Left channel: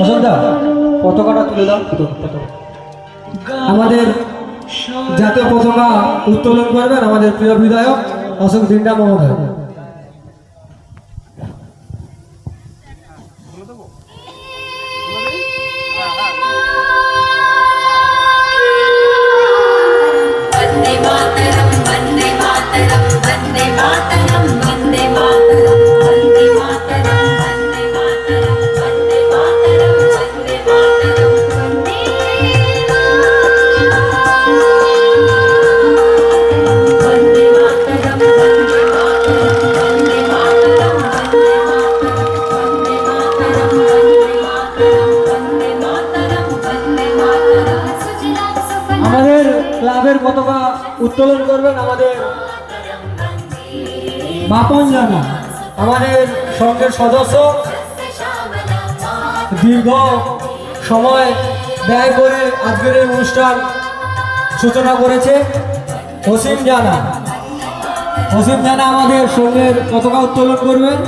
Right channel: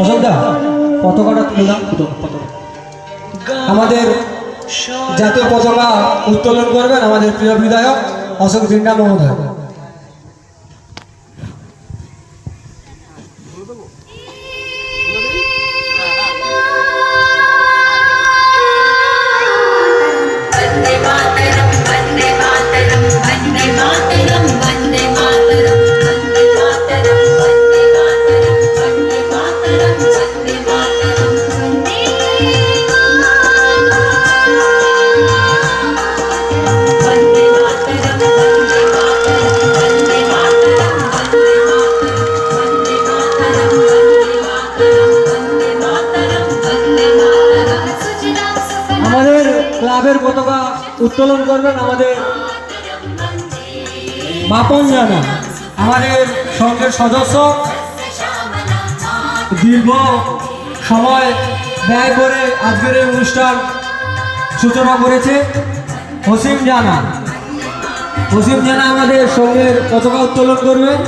অযোধ্যা পতাকাটা তুলে দাও। আমাদের জাতীয় পতাকা উত্তোলন করবেন আমাদের প্রিয় বিধায়ক অশোক দিন্ডা মহোদয়। আমাদের ক্লাবের পতাকা উত্তোলন করবেন আমাদের বাপন জানা, আমাদের সঙ্গের সদস্য, দীর্ঘ সময় ব্যয় করে আজকের এই অনুষ্ঠান সূচনা করেছে অসীম জানা। অসীম জানা আমাদের সঙ্গের পতাকা উত্তোলন করবেন।